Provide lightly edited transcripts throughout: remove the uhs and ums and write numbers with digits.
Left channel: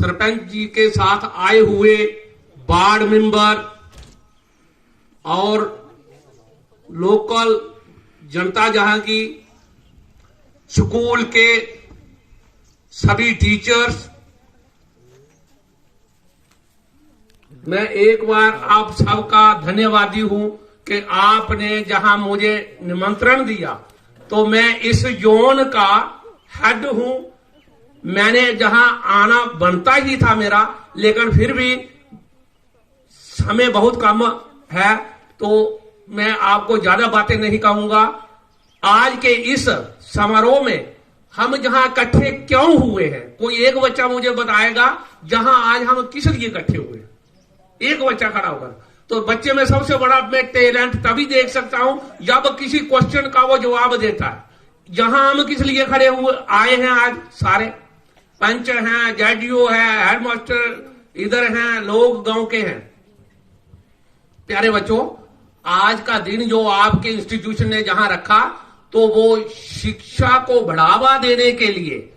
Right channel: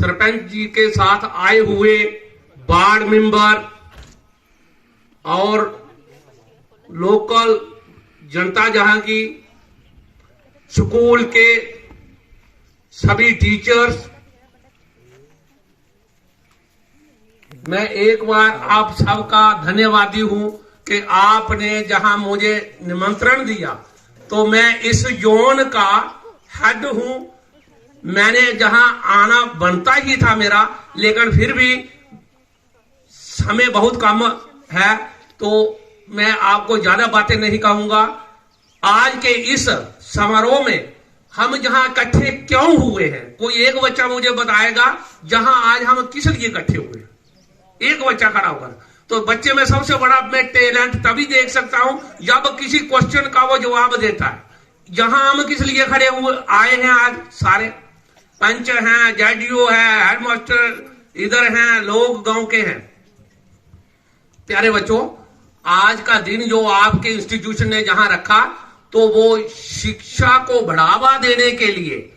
सरपंच जी के साथ आए हुए वार्ड मेंबर और लोकल जनता जहां की, स्कूल के सभी टीचर्स, मैं एक बार आप सबका धन्यवादी हूं कि आपने जहां मुझे निमंत्रण दिया, तो मैं इस जोन का हेड हूं। मैंने जहां आना बनता ही था मेरा, लेकिन फिर भी समय बहुत कम है, तो मैं आपको ज्यादा बातें नहीं कहूंगा। आज के इस समारोह में हम जहां इकट्ठे क्यों हुए हैं, कोई एक बच्चा मुझे बताएगा जहां आज हम किस लिए इकट्ठे हुए? एक बच्चा खड़ा होकर। तो बच्चे में सबसे बड़ा मैं टैलेंट तभी देख सकता हूं जब किसी क्वेश्चन का वो जवाब देता है। जहां हम किस लिए खड़े हुए आए हैं, आज सारे पंच हैं, जेडीओ है, हेडमास्टर इधर हैं, लोग गांव के हैं। प्यारे बच्चों, आज का दिन जो आपके इंस्टीट्यूशन ने जहां रखा, तो वो शिक्षा को बढ़ावा देने के लिए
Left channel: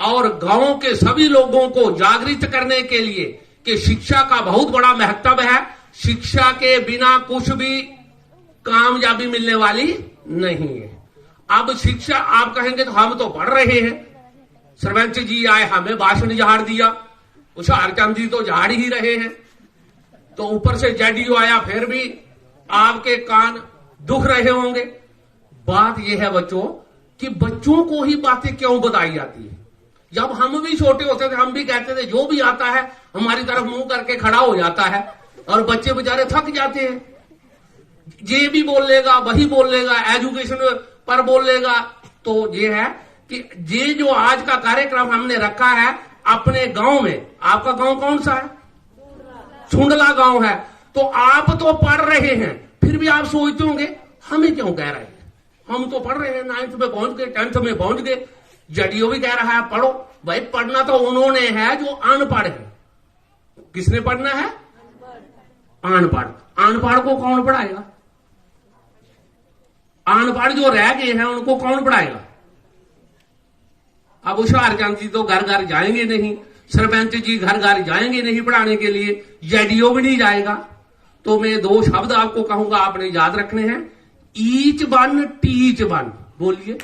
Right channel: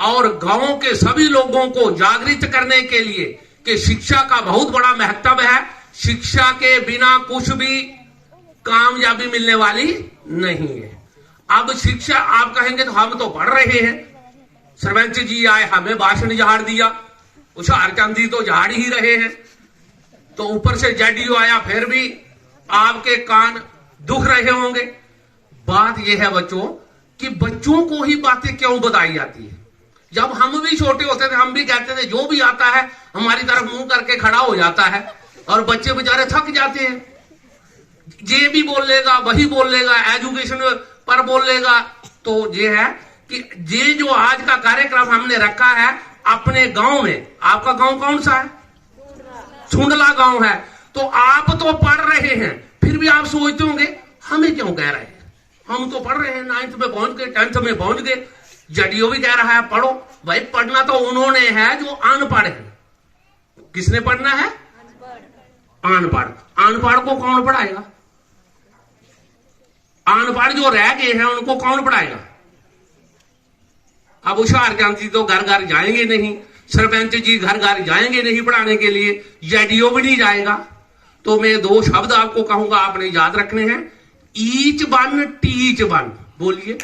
और गांव के सभी लोगों को जागृत करने के लिए कि शिक्षा का बहुत बड़ा महत्व है। शिक्षा के बिना कुछ भी कामयाबी मिलने वाली नहीं है। अब शिक्षा आप कहेंगे तो हम तो पढ़ रहे हैं, सरपंच जी आए हमें भाषण झाड़ दिया, हुशियारचंद जी तो झाड़ ही रहे हैं, तो ऊपर से जेडीओ आया, फिर भी आपके कान दुख रहे होंगे। बात यह है बच्चों कि बच्चों को ही बातें क्यों बताई जाती है। जब हम भी छोटे होते थे, हम भी कहते थे जो भी आता है हमारी तरफ मुंह करके खड़ा हो जाता है, और बच्चे बेचारे थक जाते हैं। ये भी बोल लेगा, वही बोल लेगा, एजुकेशन पर बोल लेगा। तो ये है कि ये जो आज का कार्यक्रम हमने रखा है अपने गांव में, आपका गांव कौन सा है? सुंडला गांव है। तो आप तो पढ़ रहे हैं, फिर भी आप सोचते होंगे हमें क्यों कह रहे हैं, हम तो पढ़ रहे हैं, 9th में पहुंच गए, 10th में पहुंच गए। जेडीओ भी कह रहा है पढ़ो। भाई पढ़ना तो उन्होंने है जो अनपढ़ है। किसने पढ़ना है? अनपढ़। अनपढ़ को कौन पढ़ाएगा? अनपढ़ जो रह गए हैं उनको कौन पढ़ाएगा? अब हुशियारचंद जी तो घर घर जाएंगे नहीं, सरपंच जी घर घर जाएंगे नहीं पढ़ाने के लिए, जेडीओ भी नहीं जाएगा। तो मैं दो शब्द आपको कहूंगा, आपने याद रखने हैं। Each one teach one. बोलिए,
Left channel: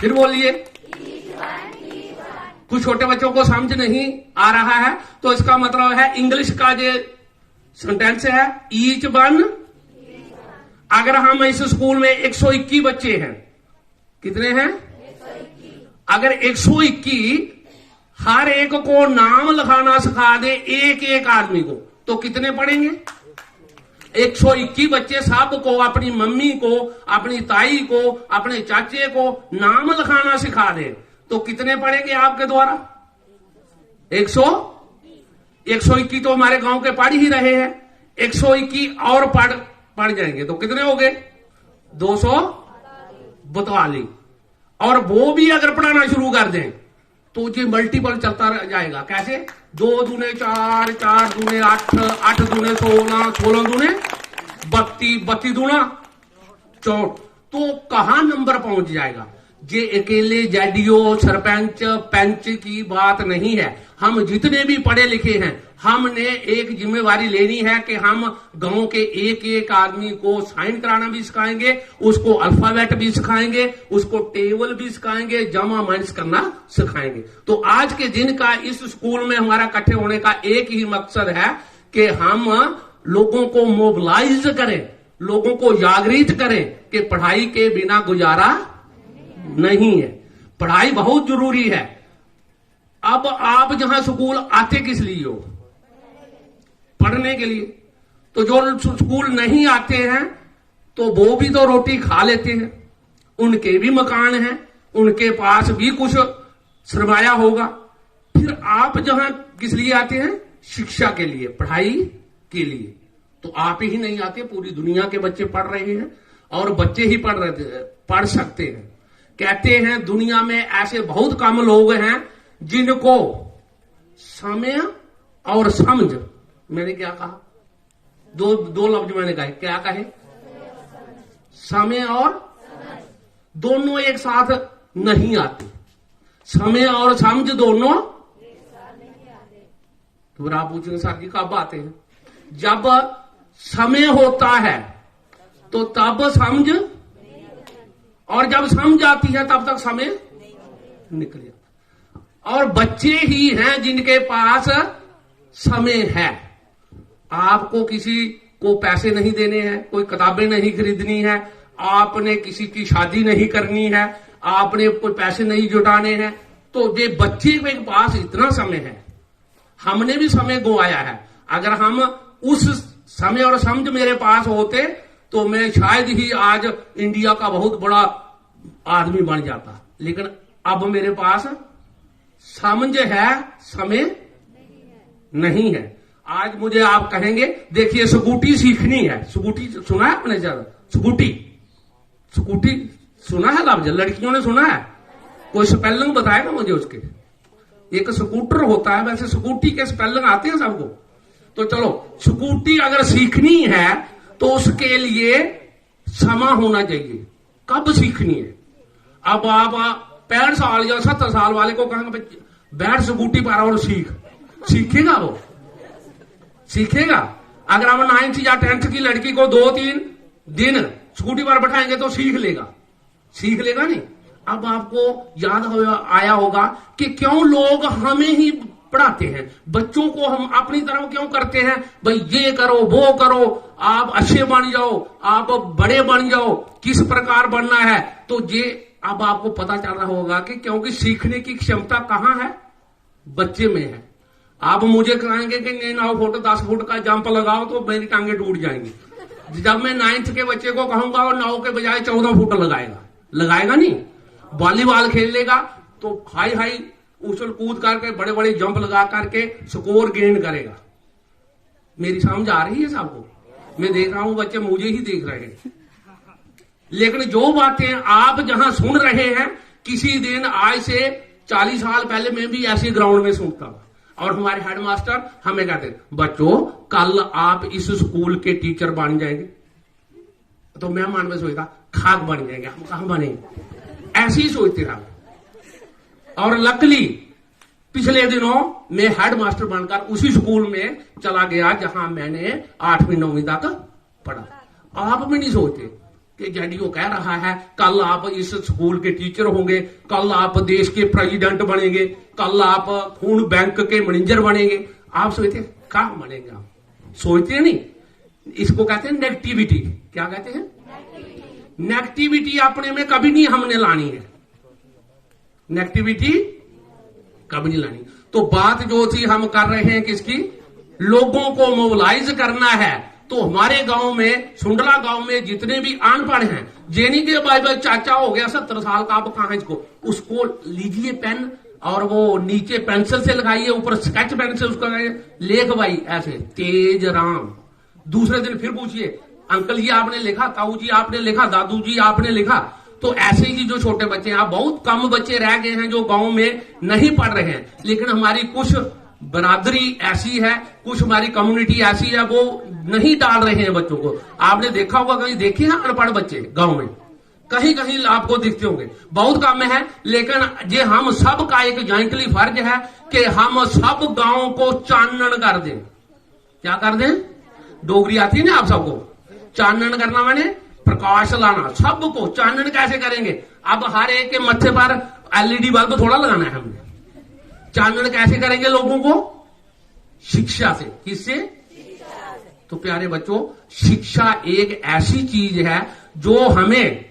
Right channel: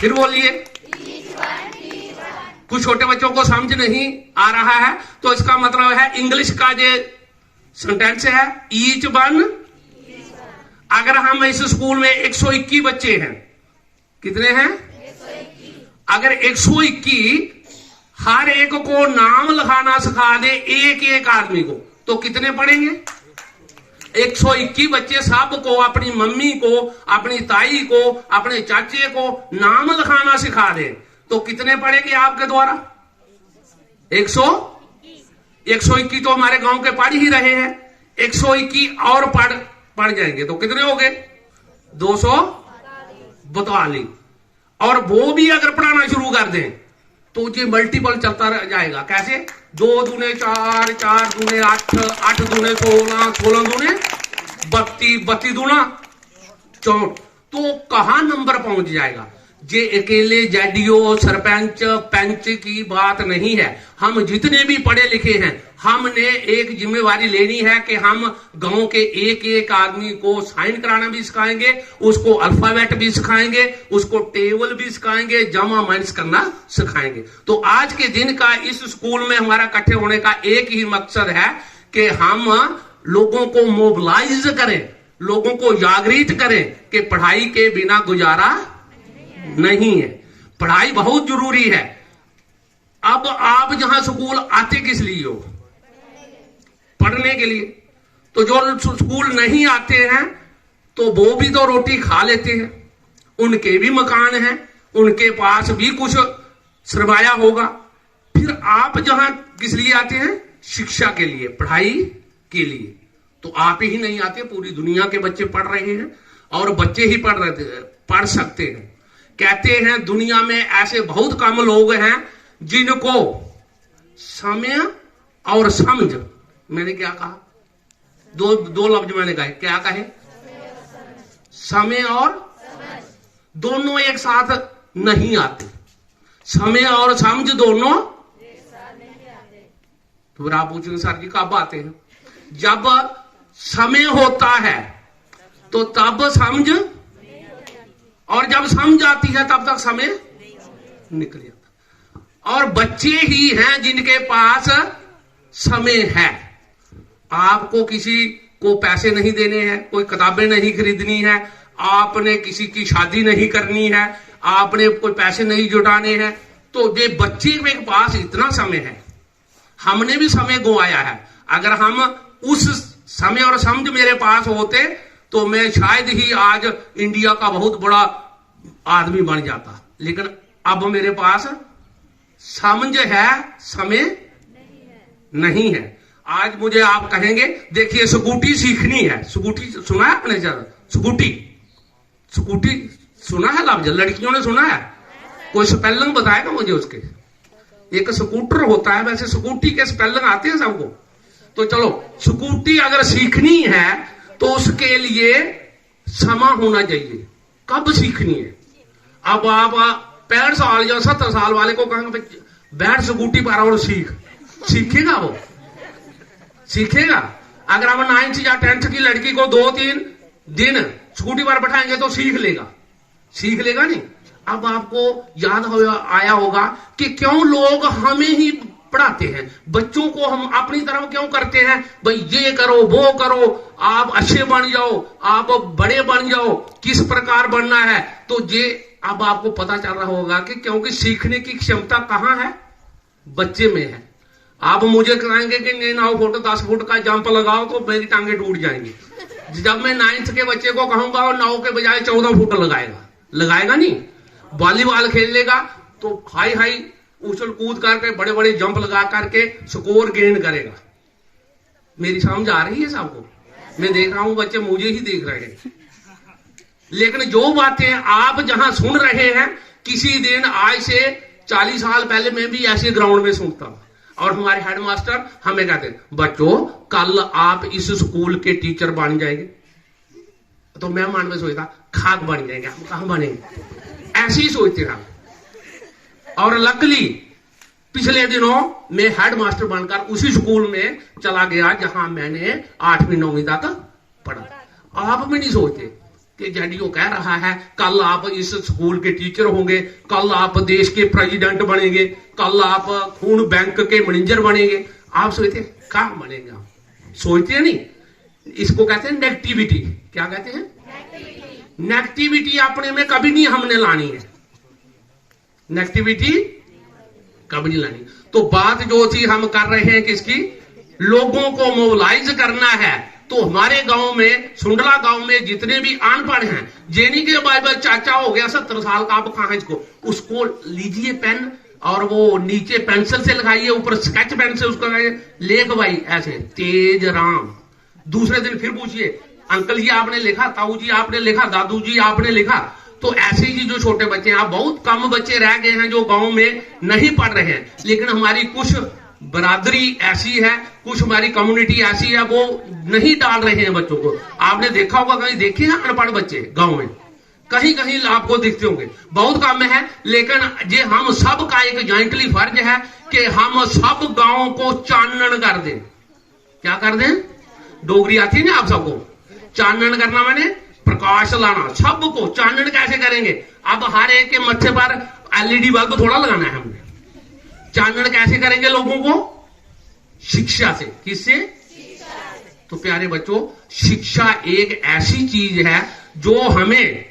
फिर बोलिए। कुछ छोटे बच्चों को समझ नहीं आ रहा है, तो इसका मतलब है इंग्लिश का जो सेंटेंस है ईच वन। अगर हम इस स्कूल में 121 बच्चे हैं, कितने हैं? 121। अगर 121 हर एक को नाम लिखाना सिखा दे, एक एक आदमी को, तो कितने पढ़ेंगे? 121 बच्चे सबको, अपनी मम्मी को, अपनी ताई को, अपने चाचे को नाम लिखाना सिखा दे, तो कितने पढ़ेंगे आपके द्वारा? 121 तो हमारे गांव के पढ़ ही रहे हैं। 121 और पढ़ जाएंगे तो कितने हो गए? 242। और वो भी अगर पढ़ाना शुरू कर दें तो ये मल्टीपल चलता रह जाएगा। कैसे? 2 दूने 4, 4 दूने 8, 8 दूने 16, 16 दूने 32, 32 दूना 64। तो कहां नंबर पहुंच जाएगा? ये अकेले जेडीओ, सरपंच, पंच की बात नहीं है। हम जितने भी पढ़े लिखे हैं, हमने एक जिम्मेवारी लेनी है कि हम गांव के एक एक आदमी को साइन कराना भी सिखाएंगे, उसको अल्फाबेट भी सिखाएंगे, उसको टेबल भी सिखाएंगे, जमा माइनस करना सिखाएंगे। तो आज के दिन का इस स्कूल में हमारा इकट्ठे होने का एक ही मकसद है कि हम लोगों को मोबिलाइज करें, लोगों को जागृत करें कि पढ़ाई के बिना गुजारा नहीं है, पढ़ाई बहुत जरूरी है। अब आप जहां स्कूल आते किस लिए हो? पढ़ने के लिए। तो जो स्कूल नहीं आते हैं तो वो भी तो रोटी खा लेते हैं, उनके भी मकान हैं, उनके पास भी कुछ सरमाया होगा। फिर आप जहां किस लिए आते हैं? शिक्षा के लिए, पढ़ाई के लिए। तो आप ही नहीं आते, पूरी दुनिया के बच्चे पढ़ रहे हैं, और बच्चे ही पढ़ सकते हैं। कहते हैं दुनिया में ऐसे बहुत कम लोग हैं जिनको समय और समझ, मैंने क्या कहा? दो लफ्ज मैंने कहे, क्या कहे? समय और दोनों एक साथ नहीं आते। समय और समझ दोनों तो फिर आप पूछेंगे सर जी कब आते हैं? जब समय होता है तो तब समझ, और जब समझ आती है तब तक समय निकल जाता। और बच्चे ही हैं जिनके पास समय है। आपको किसी को पैसे नहीं देने हैं, कोई किताबें नहीं खरीदनी है, आपने किसी की शादी नहीं करनी है, आपने कोई पैसे नहीं जुटाने हैं, तो ये बच्चे के पास इतना समय है। हमने भी समय गंवाया है। अगर हम उस समय और समझ मेरे पास होते तो मैं शायद ही आज इंडिया का बहुत बड़ा आदमी बन जाता। लेकिन अब मेरे पास समझ है, समय नहीं है। आज मुझे आप कहेंगे देखिए स्कूटी सीखनी है। स्कूटी सुना है आपने? ज्यादा स्कूटी सुना है लफ्ज? लड़कियों ने सुना है? कोई स्पेलिंग बताएगा मुझे उसके? एक स्कूटर होता है, वैसे स्कूटी के स्पेलिंग आते हैं सबको। तो चलो स्कूटी अगर सीखनी है तो उसके लिए समय होना चाहिए। कब सीखनी है? अब आप 65 साल या 70 साल वाले को कहेंगे बैठ स्कूटी पर और सीखेगा? वो सीखेगा? अगर हम 9th या 10th की लड़की को 2-3 दिन स्कूटी पर बैठाएंगे तो सीख लेगा नहीं। अब आपको याद आया होगा कि क्यों लोग हमें ही पढ़ाते हैं, बच्चों को हम अपनी तरफ क्यों करते हैं? भाई ये करो वो करो, आप अच्छे बन जाओ, आप बड़े बन जाओ, किस प्रकार बनना है। तो ये अब आपको पता चल रहा होगा कि क्योंकि सीखने की क्षमता कहां है? बच्चे में है। आप मुझे कहेंगे कि 9 फुट 10 फुट का जंप लगाओ तो मेरी टांगे टूट जाएंगी। जब मैं 9th के बच्चे को कहूंगा और 9 के बजाय 14 फुट लगाएगा नहीं। वॉलीबॉल खेल लेगा तो हाई उछल कूद करके बड़े बड़े जंप लगा करके स्कोर गेन करेगा। मेरी समझ आ रही है सबको? मैं देख रहा हूं बच्चे मुझे ही देख रहे हैं। लेकिन जो बातें आप जहां सुन रहे हैं, किसी दिन आज से 40 साल पहले मैं भी ऐसे ग्राउंड में सुनता हूं। और हमारे हेडमास्टर हमें कहते बच्चों कल आप इस स्कूल के टीचर बन जाएंगे। तो मैं मन में सोचता खाक बन जाएंगे, हम कहां बनेंगे? ऐसे ही सोचते रहा। और लकली पिछले दिनों मैं हेडमास्टर बनकर उसी स्कूल में चला गया जहां मैंने 8वीं 9वीं तक पढ़ा। आप भी नहीं सोचते कि जेडीओ कह रहा है कल आप इस स्कूल के टीचर होंगे, कल आप देश के प्रेसिडेंट बनेंगे, कल आप खून बैंक के मैनेजर बनेंगे। आप सोचते कहां बनेगा? सोचते नहीं। इसको कहते हैं नेगेटिविटी। क्या कहते हैं? नेगेटिविटी अपने में कभी नहीं हमने लानी है। नेगेटिविटी कभी नहीं लानी। तो बात जो थी हम कर रहे हैं किसकी? लोगों को मोबिलाइज करना है। तो हमारे गांव में, सुंडला गांव में जितने भी अनपढ़ हैं, जेनी के बाइबल चाचा हो गया 70 साल का, आप कहां इसको, उसको लीजिए पेन और वो नीचे पेंसिल से लगाइए, ऊपर स्केच पेन से उसको लेख भाई ऐसे तेज राम। दूसरे दिन फिर पूछिए अंकल जी आपने लिखा, ताऊ जी आपने लिखा, दादू जी आपने लिखा। तो ऐसे ही जो छोटे बच्चे हैं, बहुत कम बच्चे रह गए हैं जो गांव में नहीं पढ़ रहे हैं। लेकिन हमारी कुछ बरादरी ऐसी है, कुछ हमारी कम्युनिटी ऐसी है, वो नहीं डाल रहे हैं बच्चों को। आपने देखा होगा, कहीं देखे हैं अनपढ़ बच्चे गांव में? कहीं कहीं आपको दिखते होंगे, बहुत कम है। लेकिन ये हम सब का एक जॉइंटली फर्ज है कि हम सब गांव को चानन कर दें। क्या कर दें? डोगरी आती है ना आप सबको? चानन करना माने प्रकाश लाना। सबको चानन कैसे करेंगे? अब हर एक के मत्थे पर एलईडी बल्ब थोड़ा लगाना है हमने। चानन कैसे करेंगे लोगों को? शिक्षा से। किससे? तो प्यारे बच्चों, शिक्षा एक ऐसी चीज है जो हमें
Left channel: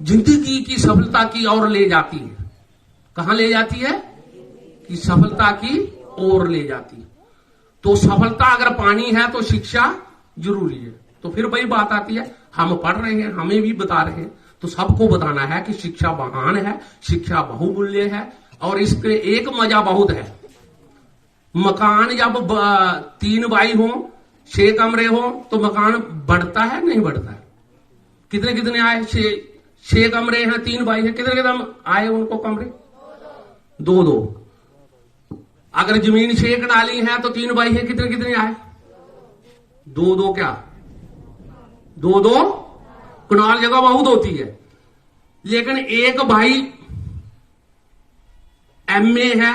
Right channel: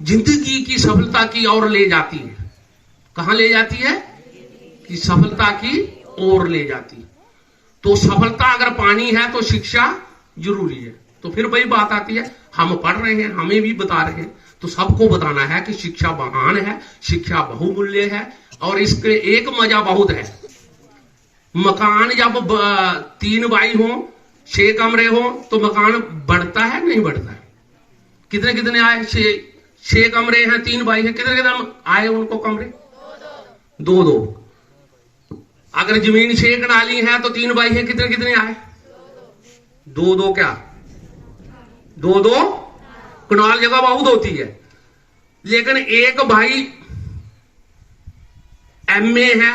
जिंदगी की सफलता की ओर ले जाती है। कहां ले जाती है? कि सफलता की ओर ले जाती है। तो सफलता अगर पानी है तो शिक्षा जरूरी है। तो फिर वही बात आती है, हम पढ़ रहे हैं, हमें भी बता रहे हैं, तो सबको बताना है कि शिक्षा महान है, शिक्षा बहुमूल्य है। और इसके एक मजा बहुत है। मकान जब 3 बाई हो, 6 कमरे हो, तो मकान बढ़ता है नहीं बढ़ता है? कितने कितने आए? 6 कमरे हैं, 3 बाई है, कितने कितने आए उनको कमरे? 2-2। अगर जमीन 6 कनाली है तो 3 बाई है, कितने कितने आए? 2-2 क्या? 2-2 कनाल जगह बहुत होती है। लेकिन एक भाई एमए है,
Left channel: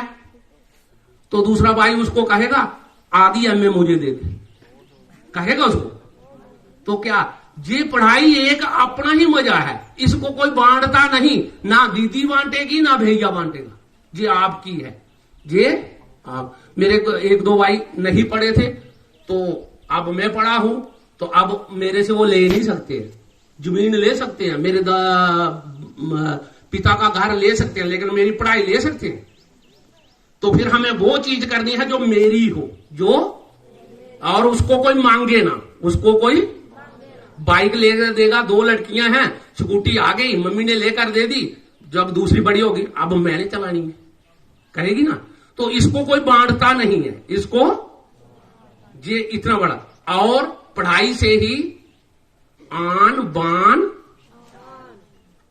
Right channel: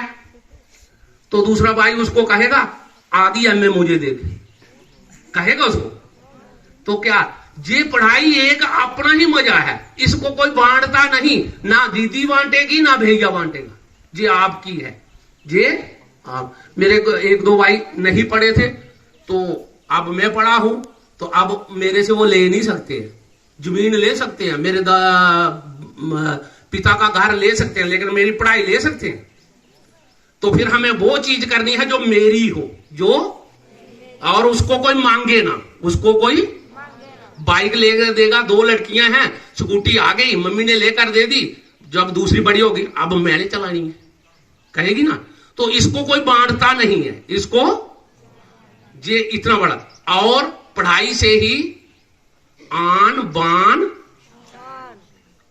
तो दूसरा भाई उसको कहेगा आधी एमए मुझे दे दे, कहेगा उसको? तो क्या ये पढ़ाई एक अपना ही मजा है, इसको कोई बांटता नहीं, ना दीदी बांटेगी ना भैया बांटेगा, ये आपकी है। ये आप मेरे को एक दो भाई नहीं पढ़े थे, तो अब मैं पढ़ा हूं, तो अब मेरे से वो ले नहीं सकते, जमीन ले सकते हैं, मेरे पिता का घर ले सकते हैं, लेकिन मेरी पढ़ाई ले सकते हैं? तो फिर हमें वो चीज करनी है जो मेरी हो, जो और उसको कोई मांगे ना, उसको कोई बाइक लेकर देगा, दो लड़कियां हैं, स्कूटी आ गई, मम्मी ने लेकर दे दी, जब दूसरी बड़ी होगी अब मैंने चलानी है, कहेगी ना? तो इसको कोई बांटता नहीं है, इसको ये इतना बड़ा। और पढ़ाई से ही आन बान,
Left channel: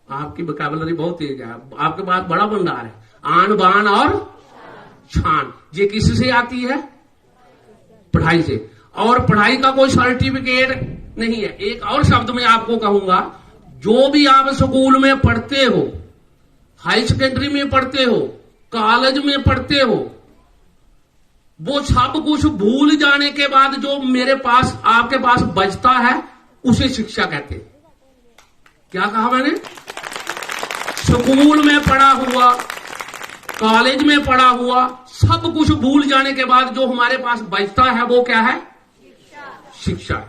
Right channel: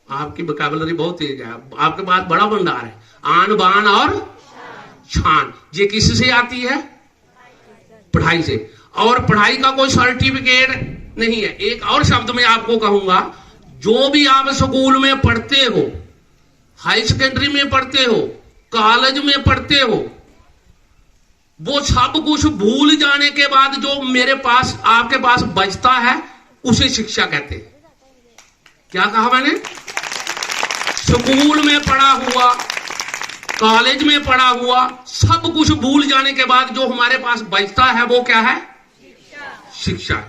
आपकी वोकैबुलरी बहुत तेज है, आपके पास बड़ा भंडार है, आन बान और शान, ये किससे आती है? पढ़ाई से। और पढ़ाई का कोई सर्टिफिकेट नहीं है। एक और शब्द में आपको कहूंगा, जो भी आप स्कूल में पढ़ते हो, हाई सेकेंडरी में पढ़ते हो, कॉलेज में पढ़ते हो, वो सब कुछ भूल जाने के बाद जो मेरे पास आपके पास बचता है उसे शिक्षा कहते हैं। क्या कहा मैंने? स्कूल में पढ़ा हुआ, कॉलेज में पढ़ा हुआ, सब कुछ भूल जाने के बाद जो हमारे पास बचता है वो क्या है? शिक्षा।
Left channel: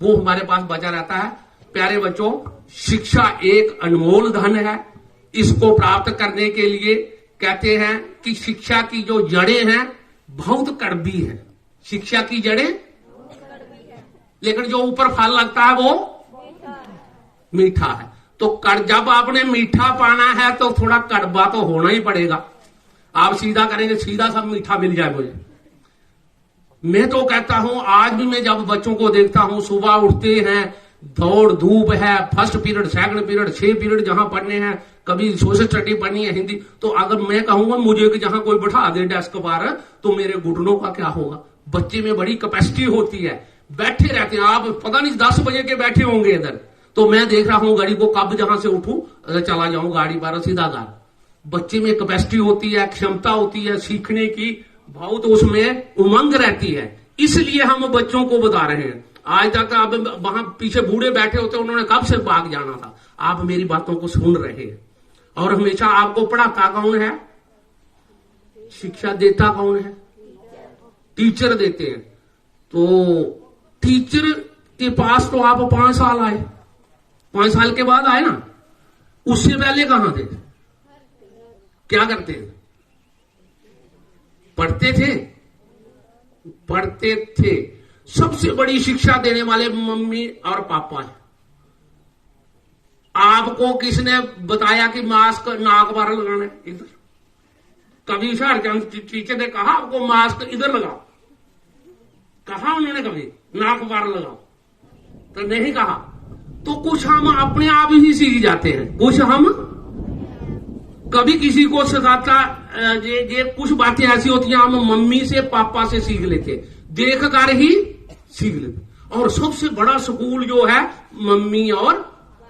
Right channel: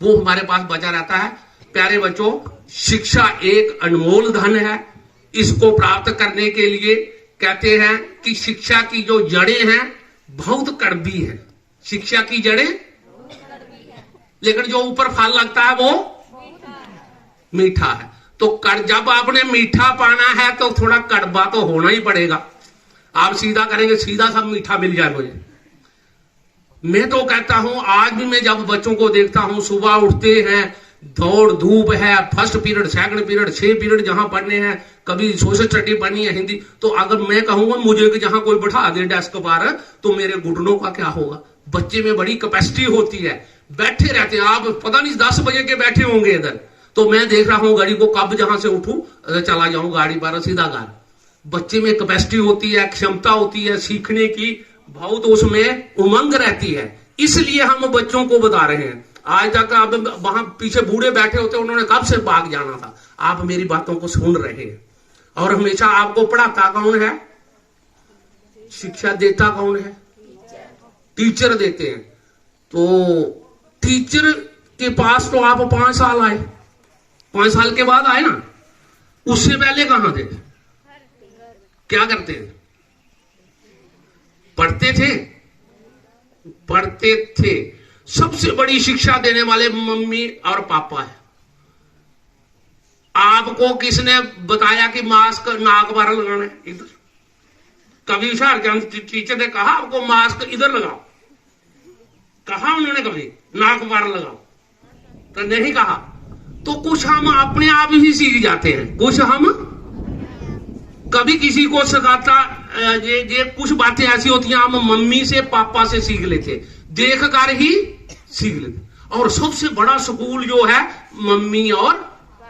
वो हमारे पास बचा रहता है। प्यारे बच्चों, शिक्षा एक अनमोल धन है। इसको प्राप्त करने के लिए कहते हैं कि शिक्षा की जो जड़ें हैं बहुत कड़वी है। शिक्षा की जड़ें, लेकिन जो ऊपर फल लगता है वो मीठा है। तो जब आपने मीठा पाना है तो थोड़ा कड़वा तो होना ही पड़ेगा। आप सीधा करेंगे, सीधा सब मीठा मिल जाए मुझे। मैं तो कहता हूं, आज भी मैं जब बच्चों को देखता हूं, सुबह उठते हैं, दौड़ धूप है, first period, second period, 6 period जहां पढ़ने हैं, कभी सोशल स्टडी पढ़नी है, हिंदी, तो अगर मैं कहूंगा मुझे कि जहां कोई बैठा दे डेस्क पर, तो मेरे घुटनों का क्या होगा? बच्चे में बड़ी कैपेसिटी होती है, बैठे रहते हैं। आप पता नहीं 10 बजे के बैठे होंगे इधर, तो मैं देख रहा हूं गाड़ी को, कब जहां से उठूं चला जाऊं गाड़ी पर सीधा घर। बच्चे में कैपेसिटी होती है, क्षमता होती है सीखने की, बहुत उसमें उमंग रहती है। इसलिए हम बच्चों को बता रहे हैं। आज तक अब वहां पीछे बूढ़े बैठे होते, उन्होंने कब से भाग जाना था। आप मेरी बातों को सुन रहे हैं। और हमेशा आपको पढ़ाता कौन है? शिक्षा देता कौन है? टीचर देते हैं। तो टीचर के पास तो आप 5 साल आए, 5 साल के बाद आए ना, उससे पहले कहां थे? क्या करते थे? पढ़ते थे, पढ़ते थे। सबसे बड़ी शिक्षा देने वाले मम्मी और पापा है। आपको किसने बताया कि मास्क नाक पर लगाना है? इधर कभी हुशियारचंद टीचर ने कहा आपको मास्क इधर लगाओ? कहा उन्होंने कभी नाक पर लगाओ? तो नहीं कहा। तो कुछ हम अपने आप ही सीख जाते हैं, कुछ हम कभी किसी को सिखाता। ये कुछ बातें ऐसी होती हैं, हम मम्मी से पापा से सीख लेते, देख कर ही सीख लेते। और सबसे बड़ा स्कूल जो है मम्मी और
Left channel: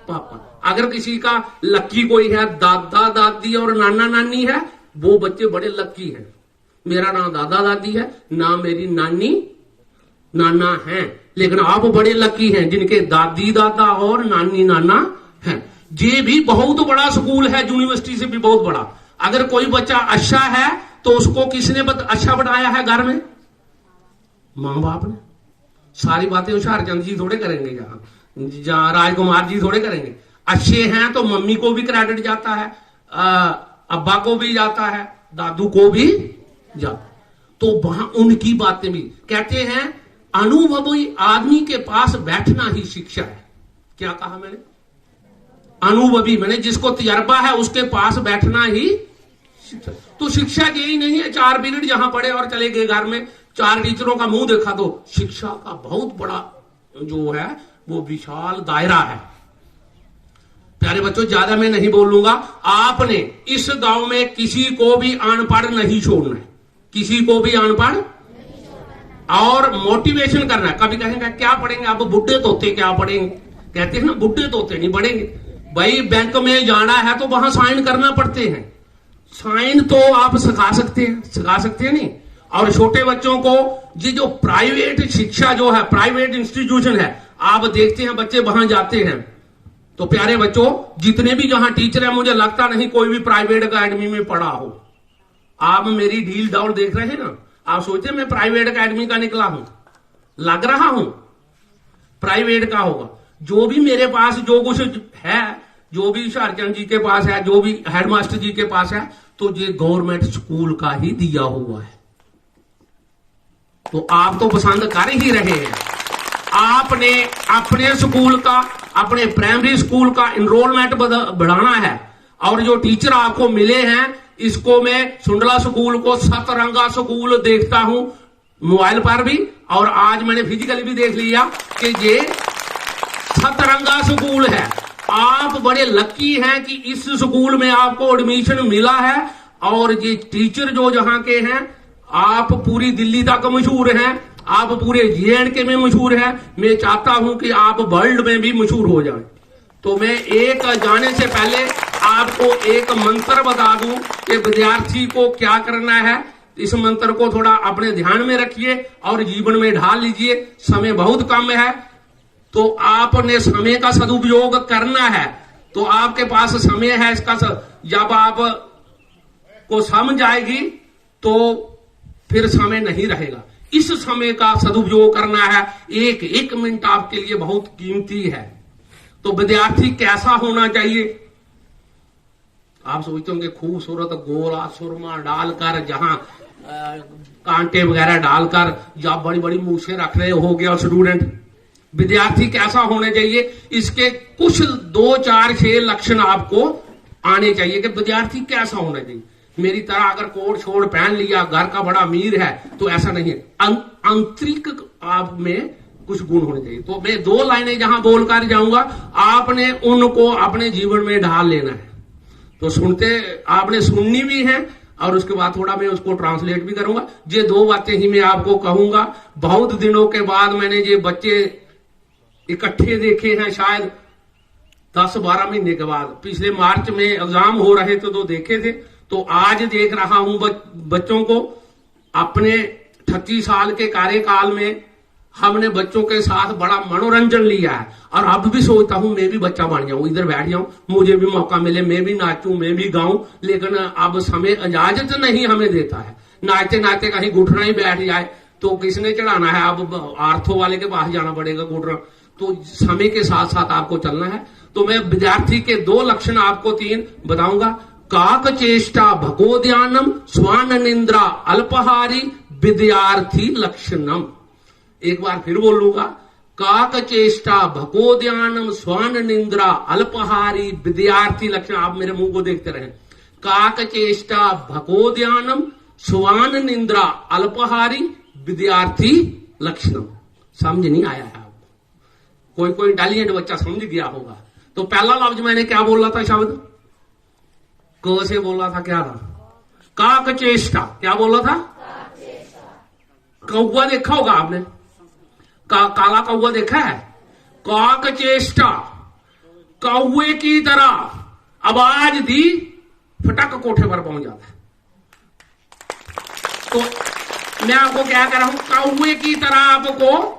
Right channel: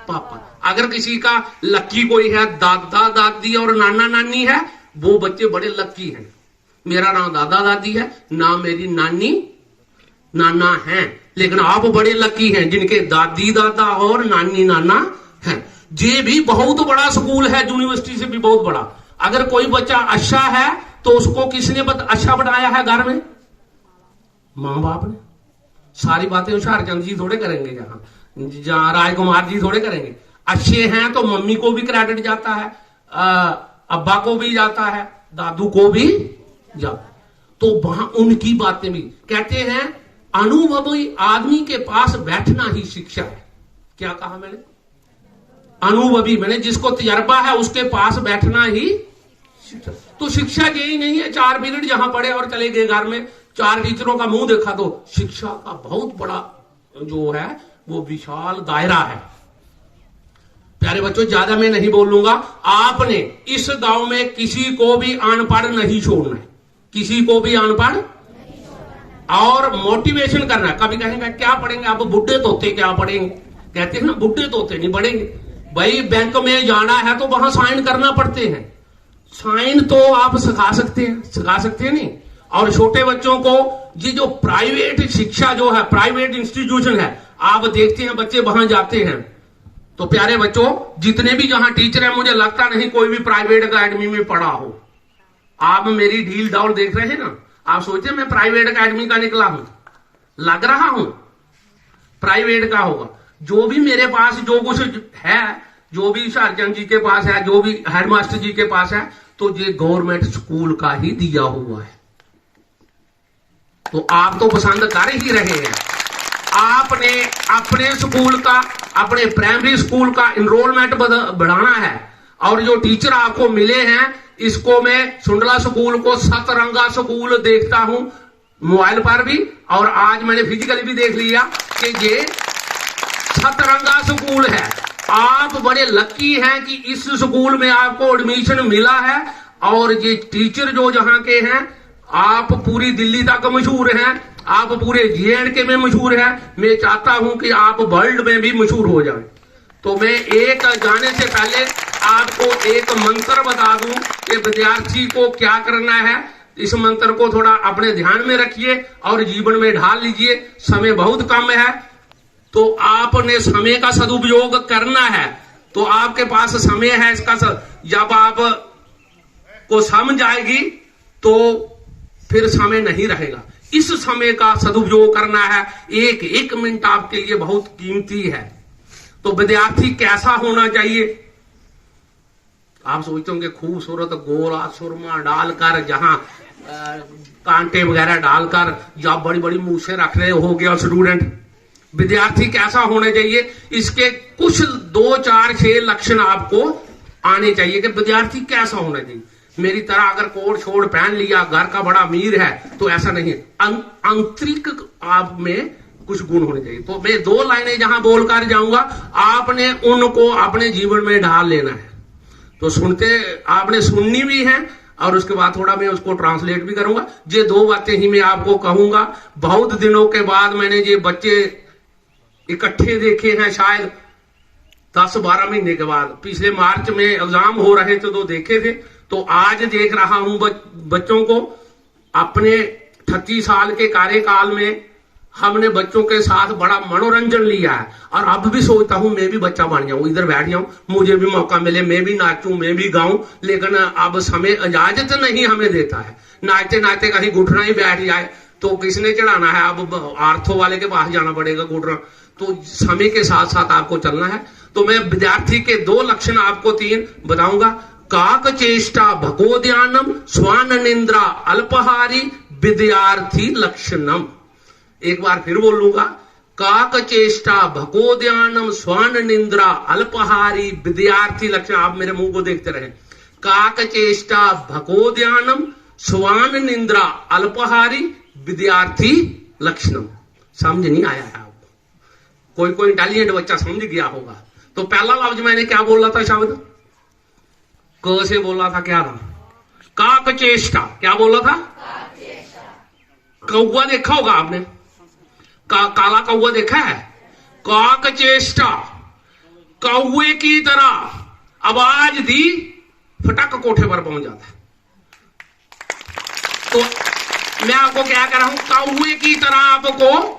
पापा। अगर किसी का लक्की कोई है, दादा दादी और नाना नानी है, वो बच्चे बड़े लक्की हैं। मेरा ना दादा दादी है, ना मेरी नानी नाना है, लेकिन आप बड़े लक्की हैं जिनके दादी दादा और नानी नाना है। ये भी बहुत बड़ा स्कूल है, यूनिवर्सिटी से भी बहुत बड़ा। अगर कोई बच्चा अच्छा है तो उसको किसने अच्छा बनाया है? घर में मां बाप ने। सारी बातें हुशियारचंद जी थोड़े करेंगे, जहां राजकुमार जी थोड़े करेंगे। अच्छे हैं तो मम्मी को भी क्रेडिट जाता है, अब्बा को भी जाता है, दादू को भी जाता। तो वहां उनकी बातें भी कहते हैं। अनुभवी आदमी के पास बैठना ही शिक्षा है। क्या कहा मैंने? अनुभवी मैंने जिसको तजर्बा है उसके पास बैठना ही शिक्षा। तो शिक्षा यही नहीं है 4 पीरियड जहां पढ़े और चले गए घर में, 4 टीचरों का मुंह देखा। तो शिक्षा का बहुत बड़ा जो है वो विशाल दायरा है। प्यारे बच्चों, ज्यादा मैं नहीं बोलूंगा। आपने इस गांव में किसी को भी अनपढ़ नहीं छोड़ना है, किसी को भी अनपढ़, और मोटिवेशन करना है। कभी कहेंगे क्या पढ़ेंगे आप, बुढ़े तोते क्या पढ़ेंगे? कहते हैं ना, बुढ़े तोते नहीं पढ़ेंगे। भाई बैंक में जाना है तो वहां साइन करना पड़ते हैं। साइन तो आप सिखा सकते हैं, सिखा सकते हैं नहीं। और छोटे बच्चों को जी जो प्राइवेट शिक्षा जो है, प्राइवेट इंस्टीट्यूशन है, आप देखते हैं बच्चे वहां जाते हैं तो प्यारे बच्चों जितने भी जहां टीचर है, मुझे लगता नहीं कोई भी प्राइवेट अकेडमी में पढ़ा हो। आप मेरी ढील डौल देख रहे हैं ना, आप सोचे मैं प्राइवेट अकेडमी का निकला हूं, लग रहा हूं प्राइवेट का होगा। जो भी मेरे पास जो कुछ है, जो भी सरचंद जी के पास है, जो भी हेडमास्टर जी के पास है, तो ये गवर्नमेंट स्कूल का ही दिया हुआ है। तो आप तो पसंद कर ही रहे हैं। आपने अपने स्कूल का, अपने प्राइमरी स्कूल का इनरोलमेंट बढ़ाना है। और जो टीचर आपको मिले हैं, इसको मैं सुंडला स्कूल को सतरंगा स्कूल देखता हूं मोबाइल पर भी, और आज मैंने फिजिकली भी देख लिया कि ये सतरंगा स्कूल है। आप बड़े लकी हैं कि इस स्कूल में आपको एडमिशन मिला है। और ये टीचर जो जहां के हैं, आप पूरी दिल्ली तक मशहूर हैं, आप पूरे J&K में मशहूर हैं। मैं चाहता हूं कि आप वर्ल्ड में भी मशहूर हो जाएं। तो मैं एक जाने से पहले आपको एक मंत्र बता दूं कि विद्यार्थी को क्या करना है। इस मंत्र को थोड़ा अपने ध्यान में रखिए और जीवन में ढाल लीजिए। समय बहुत कम है, तो आपने समय का सदुपयोग करना है। तो आपके पास समय है, इसका जब आप को समझ आएगी तो फिर समय नहीं रहेगा। इस समय का सदुपयोग करना है। एक एक मिनट आपके लिए बहुत कीमती है। तो विद्यार्थी कैसा होना चाहिए? आप सोचते होंगे खूबसूरत गोरा सुरमा डालकर, जहां कांटे वगैरह डालकर, या बड़ी बड़ी मूछें रख रहे हो गया स्टूडेंट। विद्यार्थी कैसा होना चाहिए, इसके कुछ 2, 4, 6 लक्षण आपको आने चाहिए कि विद्यार्थी कैसा होना चाहिए। मेरी तरह अगर कोट छोड़ पहन लिया, घर का बड़ा अमीर है, तो ऐसा नहीं है। आंतरिक आप में कुछ गुण होने चाहिए। तो मैं 2 लाइनें जहां बोलकर जाऊंगा, आपने उनको अपने जीवन में ढाल लेना है। तो सुनते आपने सुननी भी है, और उसके बाद थोड़ा मैं उसको ट्रांसलेट भी करूंगा। ये 2 बातें ही मैं आपको कहूंगा। बहुत दिनों के बाद मैंने ये बच्चे इकट्ठे देखे हैं, शायद 10-12 महीने के बाद। पिछले मार्च में एग्जाम हो रहे थे तो देखे थे, तो आज देख रहा हूं बच्चों को। अपने 38 साल के कार्यकाल में हमने बच्चों के साथ बड़ा मनोरंजन लिया है, और अब भी सोचता हूं मैं भी बच्चा बन जाऊं, इधर बैठ जाऊं, मुझे भी मौका मिले, मैं भी नाचूं, मैं भी गाऊं। लेकिन अब समय इजाजत नहीं हमें देता है। नाचते नाचते कहीं घुटना ही बैठ जाए तो किसने चढ़ाना है? अब आर्थो वाले के पास जाना पड़ेगा घुटना। तो समय के साथ साथ आपको चलना है। तो मैं विद्यार्थी के 2 लक्षण आपको 3 बताऊंगा। काक चेष्टा भगोद्यानम स्वान निंद्रा अल्पहारी विद्यार्थी लक्षणम। एक बार फिर बोलूंगा, काक चेष्टा भगोद्यानम स्वान निंद्रा अल्पहारी विद्यार्थी लक्षण। आप मेरे मुंह को देखते रहे। काक चेष्टा भगोद्यानम स्वान निंद्रा अल्पहारी विद्यार्थी लक्षणम। समझ नहीं आया है आपको? कोई इंटेलिजेंट बच्चा समझ गया होगा। तो पहला लफ्ज मैंने क्या बोला था? शब्द क से बोला था, क्या था? काक चेष्टा। क्या बोला था? कौवा देखा होगा आपने, काला कौवा देखा है? काक चेष्टा, कौवे की तरह आवाज दी, फटक कोठे पर पहुंच जाता। तो मैं आपको क्या कर रहा हूं? कौवे की तरह आपको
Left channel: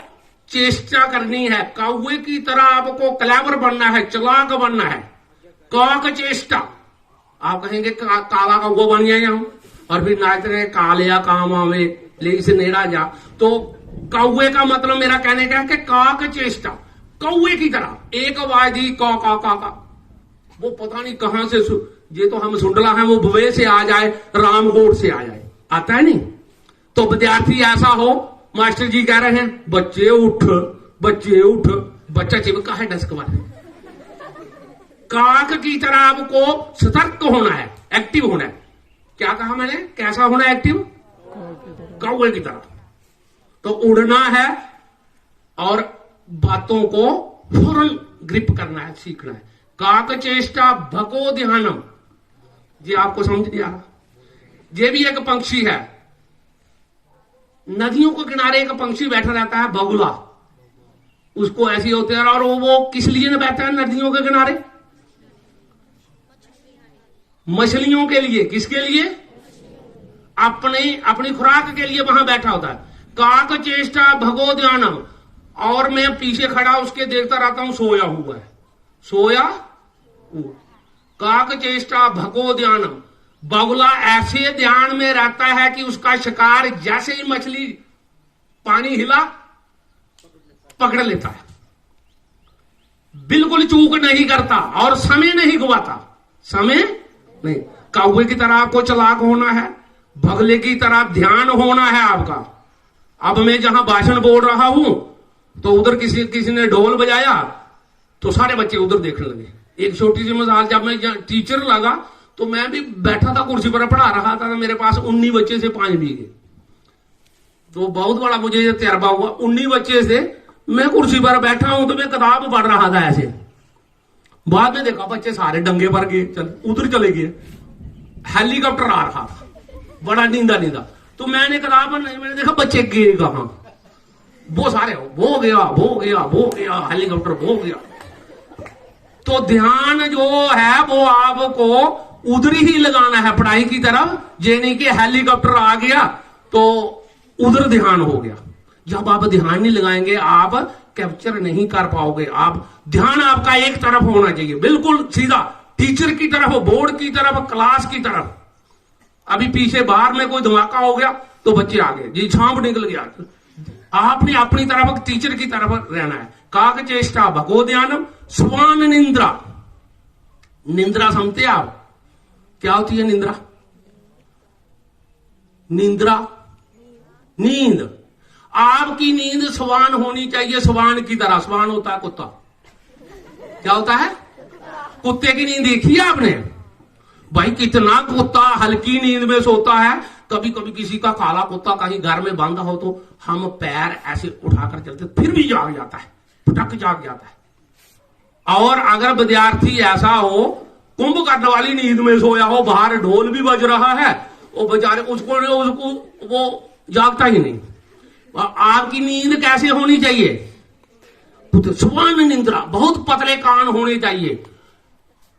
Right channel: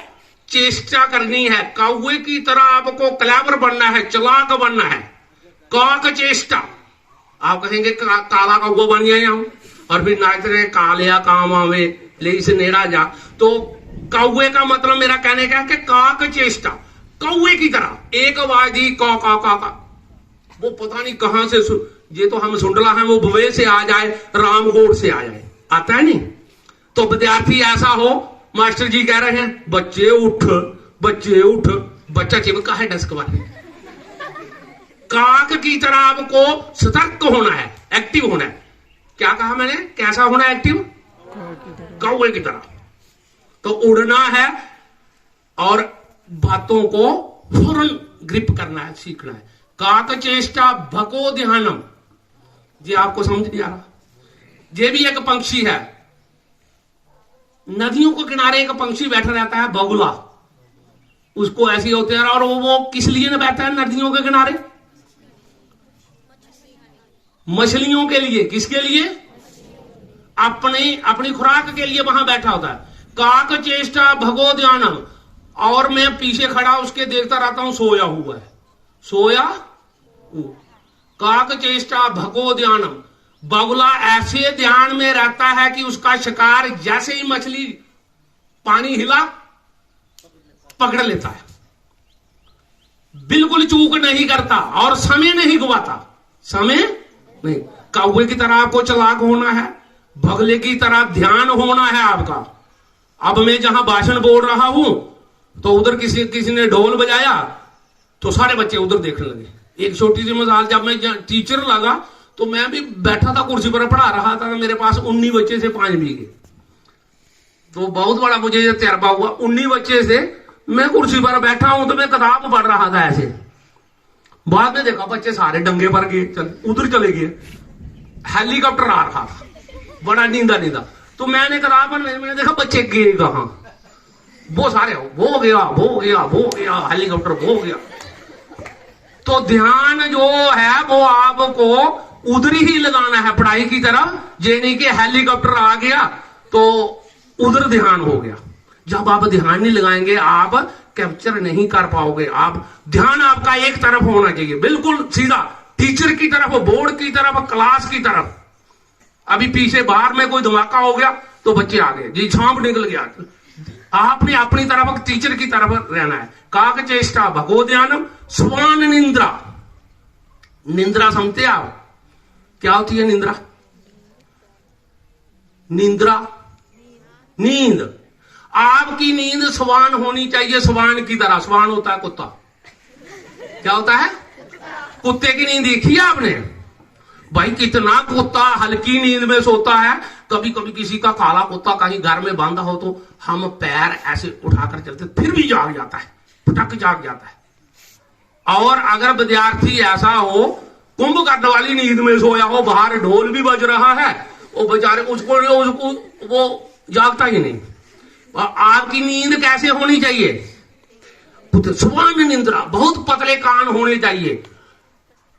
चेष्टा करनी है, कौवे की तरह आपको क्लेवर बनना है, चालाक बनना है। काक चेष्टा। आप कहेंगे काला कौवा बन जाए हम, और फिर नाच रहे कालिया काम आवे ले इसे नेड़ा जा। तो कौवे का मतलब मेरा कहने का है कि काक चेष्टा, कौवे की तरह एक आवाज दी, का का का का। वो पता नहीं कहां से, ये तो हम सुंडला है, वो बुवे से आ जाए, रामकोट से आ जाए, आता है नहीं। तो विद्यार्थी ऐसा हो, मास्टर जी कह रहे हैं बच्चे उठ, बच्चे उठ, बच्चा चिपका है डेस्क पर। काक की तरह आपको सतर्क होना है, एक्टिव होना है। क्या कहा मैंने? कैसा होना है? एक्टिव, कौवे की तरह। तो उड़ना है और बातों को फौरन ग्रिप करना है, सीखना है। काक चेष्टा भगो ध्यानम। ये आपको समझ नहीं आ रहा? ये भी एक पंक्षी है। नदियों के किनारे एक पंक्षी बैठा रहता है, बगुला। उसको ऐसी होते हैं, और वो किस लिए न बैठा है नदियों के किनारे? मछलियों के लिए। किसके लिए? अपनी अपनी खुराक के लिए वहां बैठा होता है। काक चेष्टा भगो ध्यानम, और मैं पीछे खड़ा उसके देखता रहता हूं, सोया हुआ है, सोया। काक चेष्टा भगो ध्यानम, बगुला ऐसे ध्यान में रहता है कि उसका शिकार जैसे ही मछली पानी हिला पकड़ लेता है, बिल्कुल चूक नहीं करता और समय नहीं गवाता, समय नहीं। कौवे की तरह आपको चालाक होना है, बगले की तरह ध्यान होना है आपका। अब मैं जहां भाषण बोल रहा हूं तो उधर किसी ने ढोल बजाया तो सारे बच्चे उधर देखने लगे। एक छोटी सी मिसाल, जब मैं टीचर लगा तो मैं भी बैठा था कुर्सी पर पढ़ा रहा था, तो मेरे पास 19 बच्चे से 5 बीघे, तो बहुत बड़ा मुझे ये तजर्बा हुआ। 19 बच्चे से मैं कुर्सी पर बैठा हूं तो मैं किताब पढ़ रहा था ऐसे। बाद में देखा बच्चे सारे डंगे पर गए, उधर चले गए, हेलीकॉप्टर आ रहा था, बड़ा नींदा नींदा। तो मैंने किताब मैंने देखा बच्चे गए कहां, वो सारे वो गया हेलीकॉप्टर वो गया। तो ध्यान जो है वो आपको उधर ही लगाना है पढ़ाई की तरफ, ये नहीं कि हेलीकॉप्टर आ गया तो उधर ध्यान हो गया। जब आप ध्यान नहीं लगाएंगे आप कैप्चर नहीं कर पाओगे। आप ध्यान आपका एक तरफ होना चाहिए, बिल्कुल सीधा, टीचर की तरफ, बोर्ड की तरफ, क्लास की तरफ। अभी पीछे बाहर में कोई धमाका हो गया तो बच्चे आ गए, जी छांप निकल गया। आपने अपनी तरफ टीचर की तरफ रहना है। काक चेष्टा भगो ध्यानम स्वान निंद्रा। निंद्रा समझते आप क्या होती है? निंद्रा, निंद्रा नींद। आपकी नींद स्वान होनी चाहिए, स्वान की तरह। स्वान होता है कुत्ता, क्या होता है? कुत्ते की नींद देखी है आपने? भाई कितना कुत्ता हल्की नींद में सोता है। कभी कभी किसी का काला कुत्ता कहीं घर में बांधा हो तो हम पैर ऐसे उठाकर चलते, फिर भी जाग जाता है, फटक जाग जाता है। और अगर विद्यार्थी ऐसा हो कुंभकर्ण वाली नींद में सोया हो, बाहर ढोल भी बज रहा है, वो बेचारे उसको वो जागता ही नहीं। आपकी नींद कैसे होनी चाहिए? स्वान निंद्रा, बहुत पतले कान होने चाहिए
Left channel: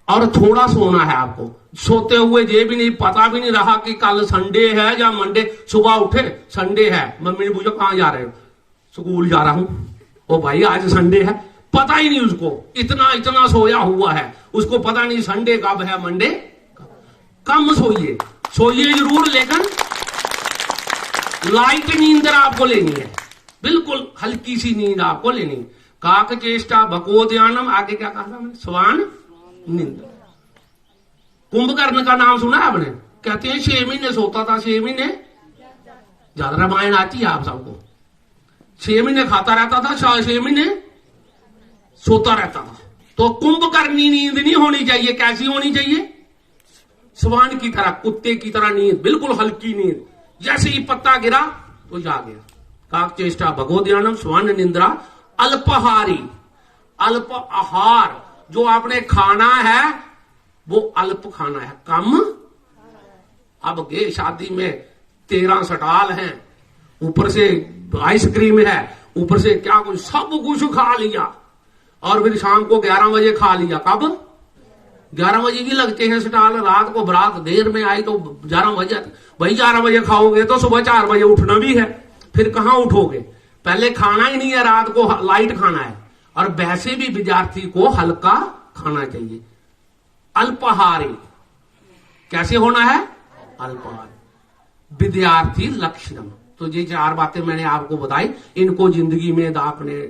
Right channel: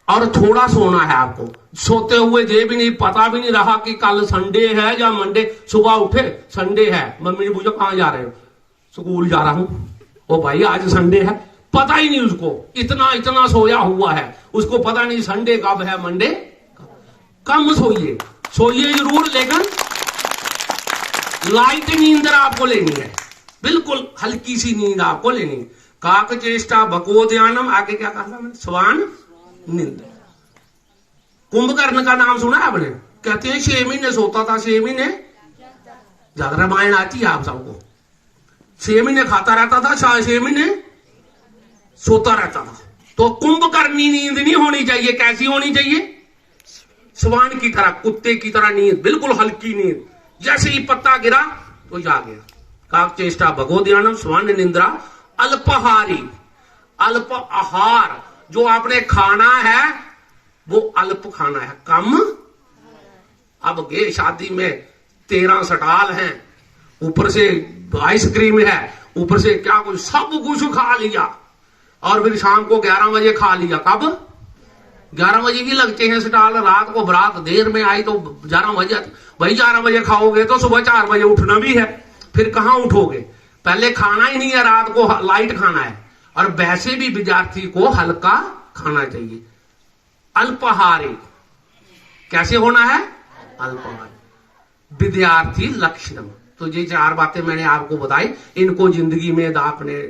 और थोड़ा सोना है आपको। सोते हुए ये भी नहीं, पता भी नहीं रहा कि कल संडे है या मंडे। सुबह उठे संडे है, मम्मी ने पूछा कहां जा रहे हो? स्कूल जा रहा हूं। ओ भाई आज संडे है, पता ही नहीं उसको, इतना सोया हुआ है, उसको पता नहीं संडे कब है, मंडे। कम सोइए, सोइए जरूर, लेकिन लाइट नींद आपको लेनी है, बिल्कुल हल्की सी नींद आपको लेनी है। काक चेष्टा भगो ध्यानम, आगे क्या कहा मैंने? स्वान निंद्रा। कुंभकर्ण का नाम सुना आपने? कहते हैं 6 महीने सोता था, 6 महीने, ज्यादा रामायण आती है आप सबको। 6 महीने खाता रहता था, 6 महीने सोता रहता था। तो कुंभकर्णी नींद नहीं होनी चाहिए। कैसी होनी चाहिए? स्वान की तरह, कुत्ते की तरह नींद, बिल्कुल हल्की नींद। जैसे ही पत्ता गिरा तो जा गया। काक चेष्टा भगो ध्यानम स्वान निंद्रा। अल्पहारी, अल्प आहार, जो आपने खाना है वो अल्प खाना है, कम। अब गए शादी में 13 सटाल हैं, ऊपर से आइसक्रीम है, ऊपर से क्या कुछ, सब कुछ खा लिया और फिर शाम को 11 बजे खा लिया। कब? 11 बजे भी लगते हैं स्टाल। रात को बारात देर में आई तो 11 बजे। भाई 11 बजे खाओगे तो सुबह 4 बजे उठना भी है, फिर कहां उठोगे? पहले खाना ही नहीं है, रात को लाइट खाना है। और वैसे भी विद्यार्थी को हल्का खाना चाहिए। अल्पाहारी, कैसे होना है? अल्पाहारी। विद्यार्थी लक्षणम। तो ये 4 बातें मैंने आपको बताई, इनको जिंदगी में आपने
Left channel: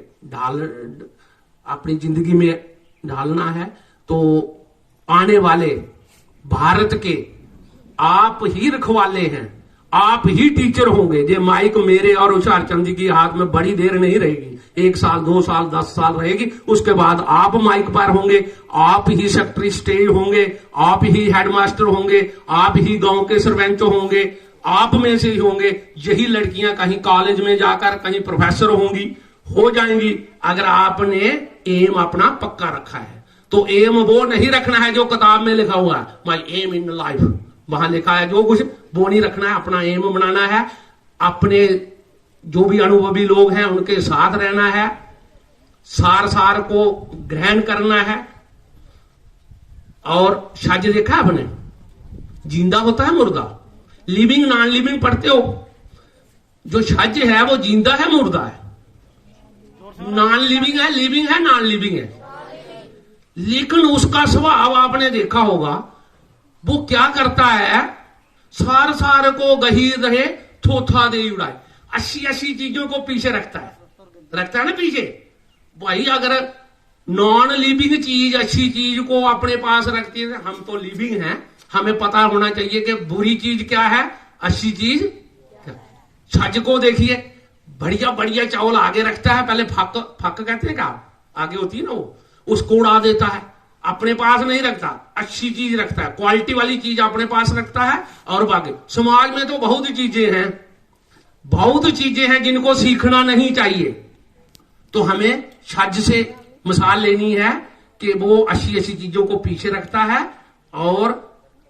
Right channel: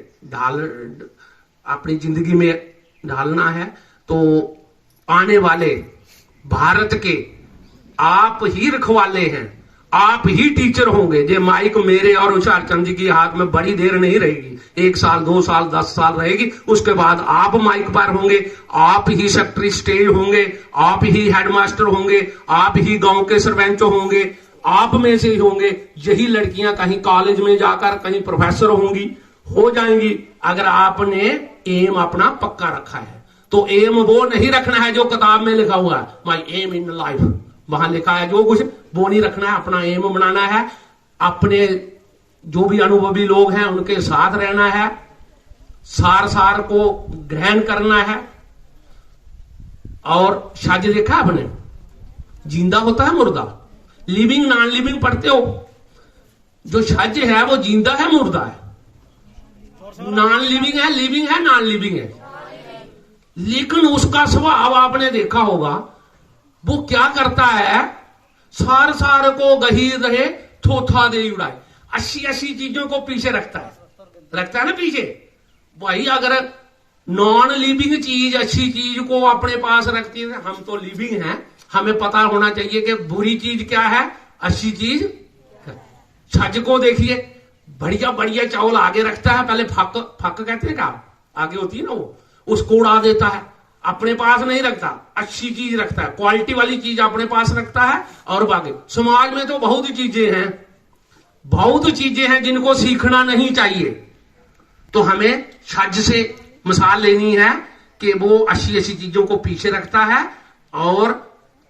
अपनी जिंदगी में ढालना है। तो आने वाले भारत के आप ही रखवाले हैं, आप ही टीचर होंगे। जे माइक मेरे और उषार चंद जी की हाथ में बड़ी देर नहीं रहेगी, 1 साल 2 साल 10 साल रहेगी। उसके बाद आप माइक पर होंगे, आप ही सेक्रेटरी स्टेज होंगे, आप ही हेडमास्टर होंगे, आप ही गांव के सरपंच होंगे, आप में से ही होंगे। यही लड़कियां कहीं कॉलेज में जाकर कहीं प्रोफेसर होंगी, हो जाएंगी, अगर आपने एम अपना पक्का रखा है। तो एम वो नहीं रखना है जो किताब में लिखा हुआ है, माई एम इन लाइफ, वहां लिखा है जो कुछ, वो नहीं रखना है। अपना एम बनाना है, अपने जो भी अनुभवी लोग हैं उनके साथ रहना है, सार को ग्रहण करना है। और शायद देखा आपने, जिंदा होता है मुर्दा, लिविंग नॉन लिविंग पढ़ते हो? जो छज है वो जिंदा है मुर्दा है? नॉन लिविंग है, लिविंग है, नॉन लिविंग है। लेकिन उसका स्वभाव आपने देखा होगा, वो क्या करता है, सार सार को गहीर रहे थोथा दे उड़ाए, अच्छी अच्छी चीजों को पीछे रखता है ना पीछे। भाई अगर नॉन लिविंग चीज अच्छी चीज को अपने पास रखती है, हम तो लिविंग हैं, हमें पता होना चाहिए कि बुरी चीज क्या है, अच्छी चीज। छज को देखिए, बढ़िया बढ़िया चावल आगे रखता है, पहले फक कहते हैं क्या, आगे होती है ना वो, उसको उड़ा देता है, अपने पास नहीं रखता, अच्छी चीज रखता है, क्वालिटी वाली चीज अपने पास रखता है। और बाकी समाज में तो बहुत चीजें हैं जिनको सीखना नहीं चाहिए। तो हमें छज से मिसाल लेनी है कि वो अच्छी अच्छी चीजों को पीछे रखता है और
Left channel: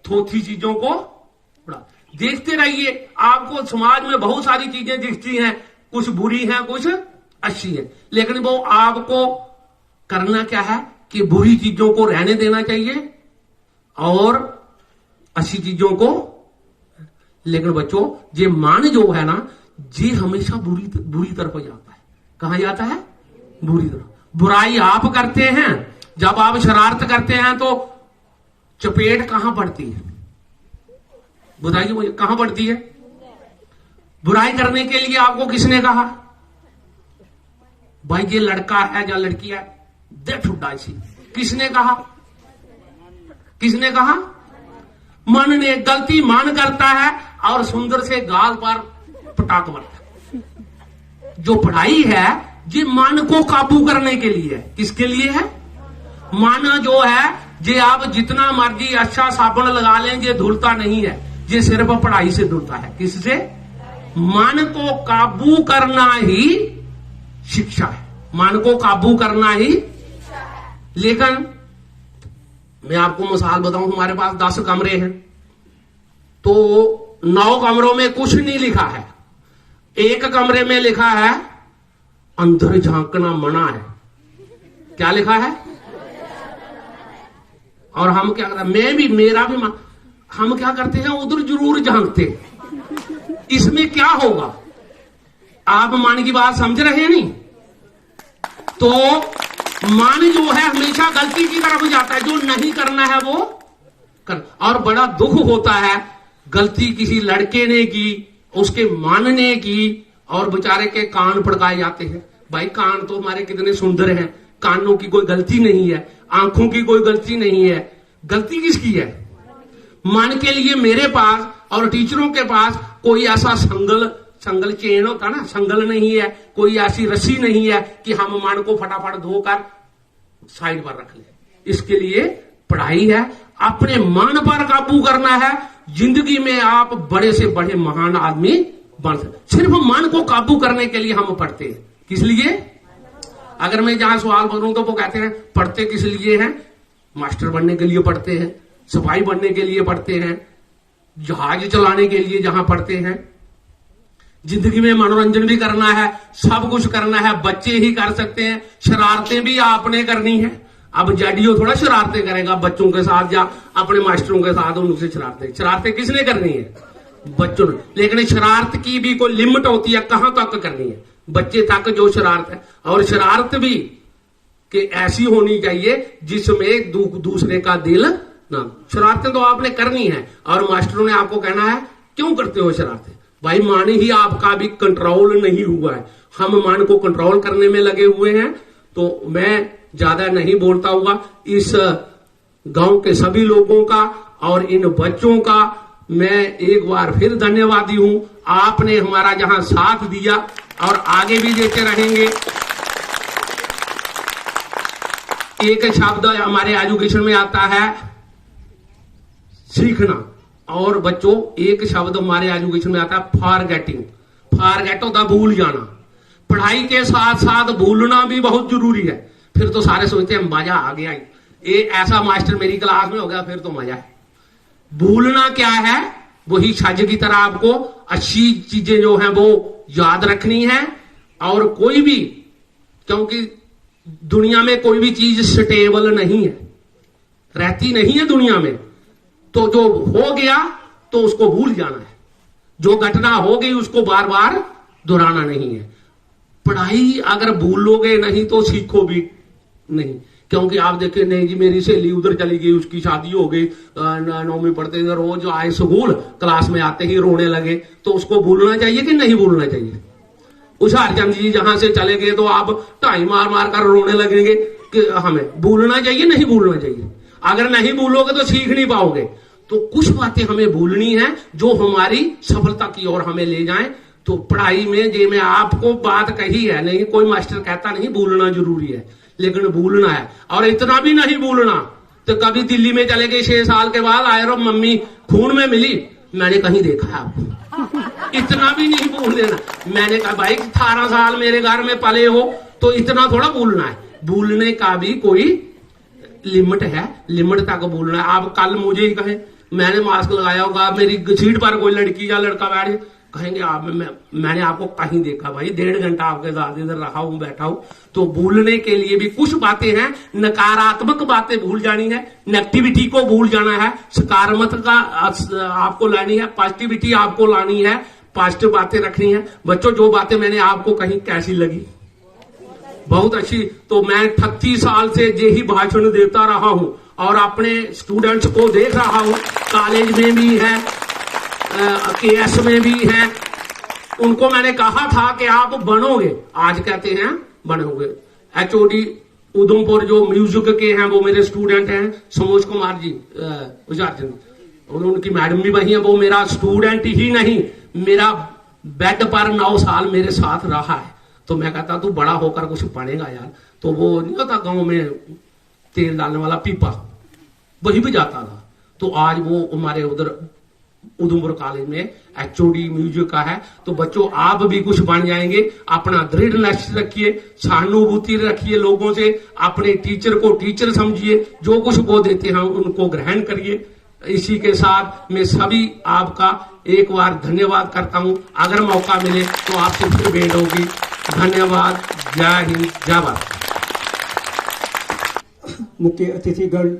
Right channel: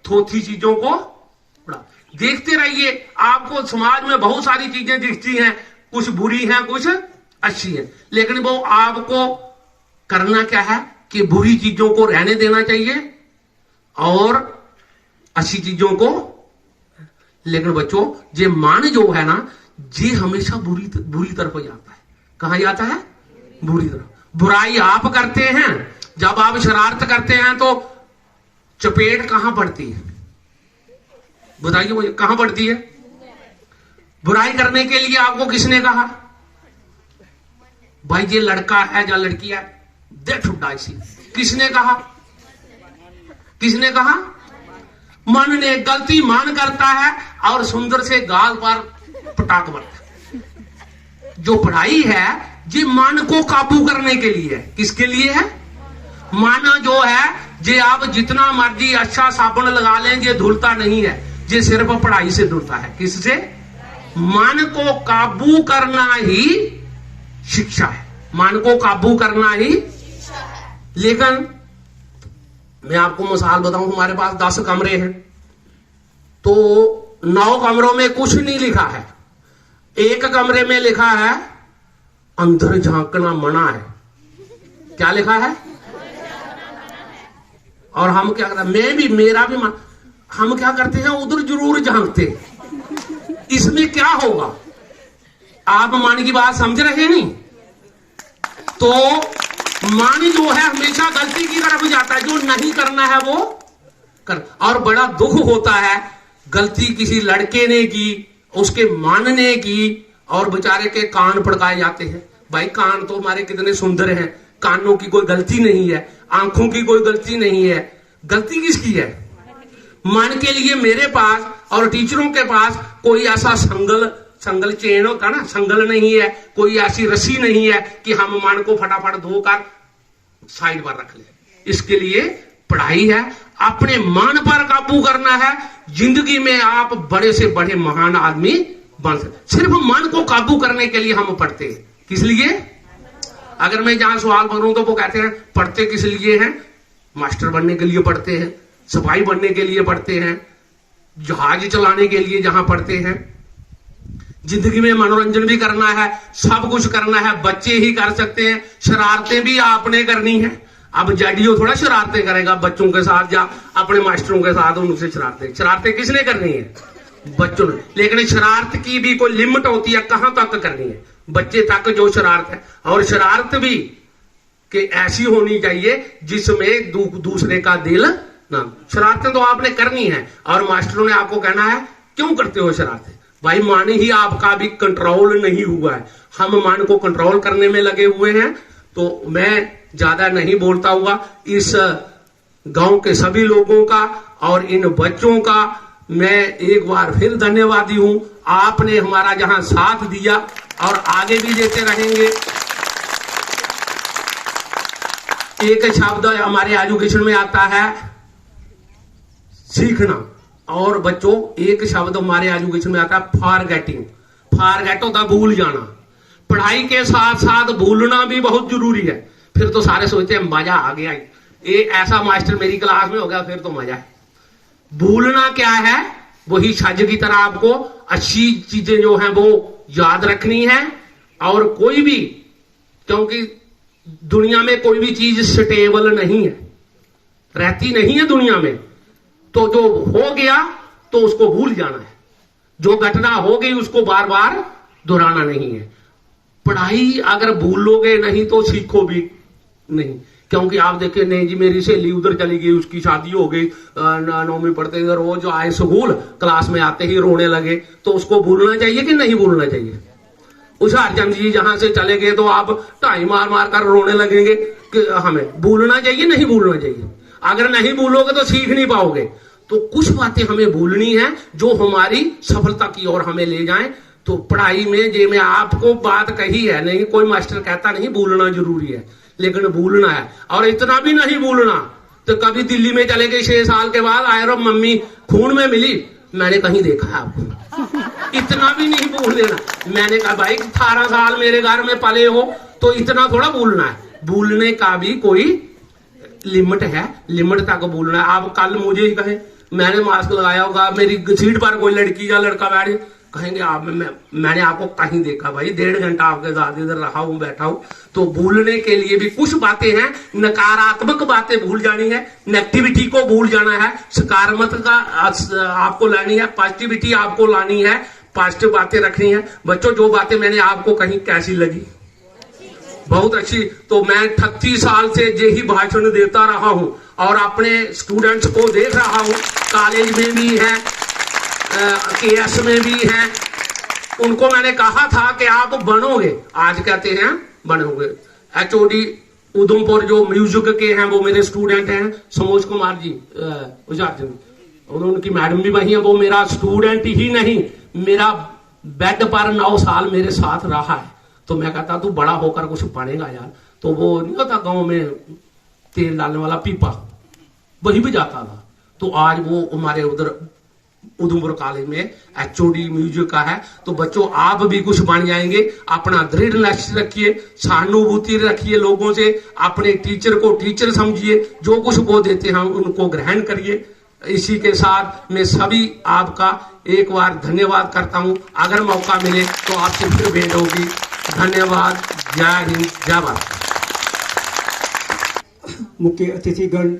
थोथी चीजों को उड़ा। देखते रहिए, आपको समाज में बहुत सारी चीजें दिखती हैं, कुछ बुरी हैं कुछ अच्छी है, लेकिन वो आपको करना क्या है कि बुरी चीजों को रहने देना चाहिए और अच्छी चीजों को। लेकिन बच्चों, ये मान जो है ना, ये हमेशा बुरी तरफ जाता है। कहां जाता है? बुरी तरफ। बुराई आप करते हैं, जब आप शरारत करते हैं तो चपेट कहां पड़ती है? बताइए कहां पड़ती है? बुराई करने के लिए आपको किसने कहा? भाई ये लड़का है या लड़की है, दे ठुड्डा इसी, किसने कहा? मन ने। गलती मान करता है और सुंदर से गाल पर पटाक मारता है। जो पढ़ाई है ये मन को काबू करने के लिए है। किसके लिए है? माना जो है, ये आप जितना मर्जी अच्छा साबुन लगा लें, ये धुलता नहीं है, ये सिर्फ पढ़ाई से धुलता है। किससे? मन को काबू करना ही शिक्षा है, मन को काबू करना ही। लेकिन मैं आपको मिसाल बताऊं, हमारे पास 10 कमरे हैं, तो 9 कमरों में कुछ नहीं लिखा है, एक कमरे में लिखा है अंदर झांकना मना है। क्या लिखा है? और हम क्या करते हैं, मेरा भी हम क्या करते हैं, उधर जरूर झांकते। इसमें क्या होगा? आप मान की बात समझ रहे नहीं? तो मान जो है हमेशा गलती की तरफ जाता है, जो नहीं करना है वो कर। और बड़ा दुख होता है, गलती किसी लड़के ने की, उसके मानने की, और बेचारे के कान पड़काए जाते हैं। भाई कान तो हमारे कितने सुंदर हैं, कानों की कोई गलती नहीं है, आंखों की कोई गलती नहीं है। गलती किसकी है? मन के लिए मेरे पास और टीचरों के पास कोई ऐसा संगल चेन होता ना, संगल नहीं है, कोई ऐसी रस्सी नहीं है कि हम मन को फटाफट धोकर साइड पर रख ले। इसके लिए पढ़ाई है, अपने मन पर काबू करना है। जिंदगी में आप बड़े से बड़े महान आदमी बन सकते, सिर्फ मन को काबू करने के लिए हम पढ़ते हैं। किस लिए? अगर मैं जहां सवाल बनूं तो वो कहते हैं पढ़ते किस लिए हैं? मास्टर बनने के लिए पढ़ते हैं, सिपाही बनने के लिए पढ़ते हैं, जहाज चलाने के लिए जहां पढ़ते हैं। जिंदगी में मनोरंजन भी करना है, सब कुछ करना है, बच्चे ही कर सकते हैं, शरारतें भी आपने करनी है। अब जैडियो थोड़ा शरारतें करेगा बच्चों के साथ या अपने मास्टरों के साथ, उनसे शरारतें किसने करनी है? बच्चों ने। लेकिन शरारत की भी कोई लिमिट होती है, कहां तक करनी है, बच्चे तक जो शरारत है। और शरारत भी कि ऐसी होनी चाहिए जिसमें दूसरे का दिल ना। शरारतें तो आपने करनी है, और मास्टरों ने आपको कहना है क्यों करते हो शरारतें? भाई मन ही आपका भी कंट्रोल नहीं हुआ है, हम मन को कंट्रोल करने में लगे हुए हैं। तो मैं ज्यादा नहीं बोलता हुआ, इस गांव के सभी लोगों का और इन बच्चों का मैं एक बार फिर धन्यवादी हूं। आपने हमारा जहां साथ दिया और आगे भी देते रहेंगे। एक शब्द हमारे एजुकेशन में आता है सीखना, और बच्चों एक शब्द हमारे एजुकेशन में आता है फॉरगेटिंग। फॉरगेट होता भूल जाना। पढ़ाई के साथ साथ भूलना भी बहुत जरूरी है। फिर तो सारे सोचते हैं मजा आ गया, ये ऐसा मास्टर मेरी क्लास में हो गया, फिर तो मजा। भूलना क्या है? वही छज की तरह आपको अच्छी चीजें जो हैं वो याद रखनी है। और कोई भी, क्योंकि दुनिया में कोई भी चीज स्टेबल नहीं है, रहती नहीं है दुनिया में, तो जो हो गया तो उसको भूल जाना है। जो घटना होगी उसको बार बार दोहराना नहीं है। पढ़ाई अगर भूलोगे नहीं तो सीखो भी नहीं, क्योंकि आप देखे नहीं जी मेरी सहेली उधर चली गई, उसकी शादी हो गई, 9वीं पढ़ते थे, रोज आए स्कूल, क्लास में आते ही रोने लगे, तो उसको भूलना चाहिए कि नहीं भूलना चाहिए? हुशियारचंद जी जहां से चले गए तो आप ढाई मार मार कर रोने लगेंगे कि हमें भूलना चाहिए नहीं भूलना चाहिए? अगर नहीं भूलोगे तो सीख नहीं पाओगे। तो कुछ बातें हमें भूलनी है जो हमारी सफलता की ओर हमें ले जाएं। तो पढ़ाई में जे मैं आपको बात कही है, नहीं कोई मास्टर कहता नहीं भूलना जरूरी है, लेकिन भूलना है। और इतना भी नहीं भूलना तो कभी दिल्ली में चले गए 6 साल के बाद आए, मम्मी खून में मिली, मैंने कहीं देखा है आपको, इतना भी नहीं भूल देना। मैंने कहा भाई 18 साल मेरे घर में पले हो तो इतना थोड़ा भूलना है। भूलने का भी कोई लिमिट है, लिमिट तक भूलना है। आप कल मुझे ही कहें मैंने मास्क लगाया होगा, मेरी सीट पर कोई लड़की या लड़का बैठे, कहेंगे आप मैंने आपको कहीं देखा। भाई 1.5 घंटा आपके साथ इधर रहा हूं, बैठा हूं। तो भूलने के लिए भी कुछ बातें हैं। नकारात्मक बातें भूल जानी है, नेगेटिविटी को भूल जाना है, सकारात्मक का आपको लानी है, पॉजिटिविटी आपको लानी है, पॉजिटिव बातें रखनी है। बच्चों जो बातें मैंने आपको कहीं कैसी लगी? बहुत अच्छी। तो मैं 38 साल से यही भाषण देता रहा हूं और अपने स्टूडेंट्स को देख रहा हूं, कॉलेज में भी है, केएस में भी है। उनको मैंने कहा था कि आप बनोगे, आज कहते हैं बनोगे। एचओडी उधमपुर जो म्यूजिक के हैं वो मेरे स्टूडेंट हैं, समोज कुमार जी और उनकी मैडम भी वही है। वो मेरा स्टूडेंट ही नहीं, मेरा बेड पर 9 साल मेरे साथ रहा है। तो मैं कहता तू बड़ा होकर कुछ बनेगा यार। तो वो नहीं होता गांव में तेल डालने वाला पीपा, वही भी जाता था। तो आज वो हमारे उधर उधमपुर कॉलेज में एचओडी म्यूजिक का है। तो बच्चों आप भी कुछ बन जाएंगे। अपना दृढ़ लक्ष्य रखिए, सहानुभूति रखिए लोगों से, अपने टीचर को टीचर समझिए, जो कुछ वो देते हैं उनको ग्रहण करिए। इसी के साथ मैं सभी आपका एक बार धन्यवाद करता हूं। अगर मौका मिले तो आपसे फिर भेंट होगी। धन्यवाद। जय हिंद, जय भारत। मुख्य अतिथिगण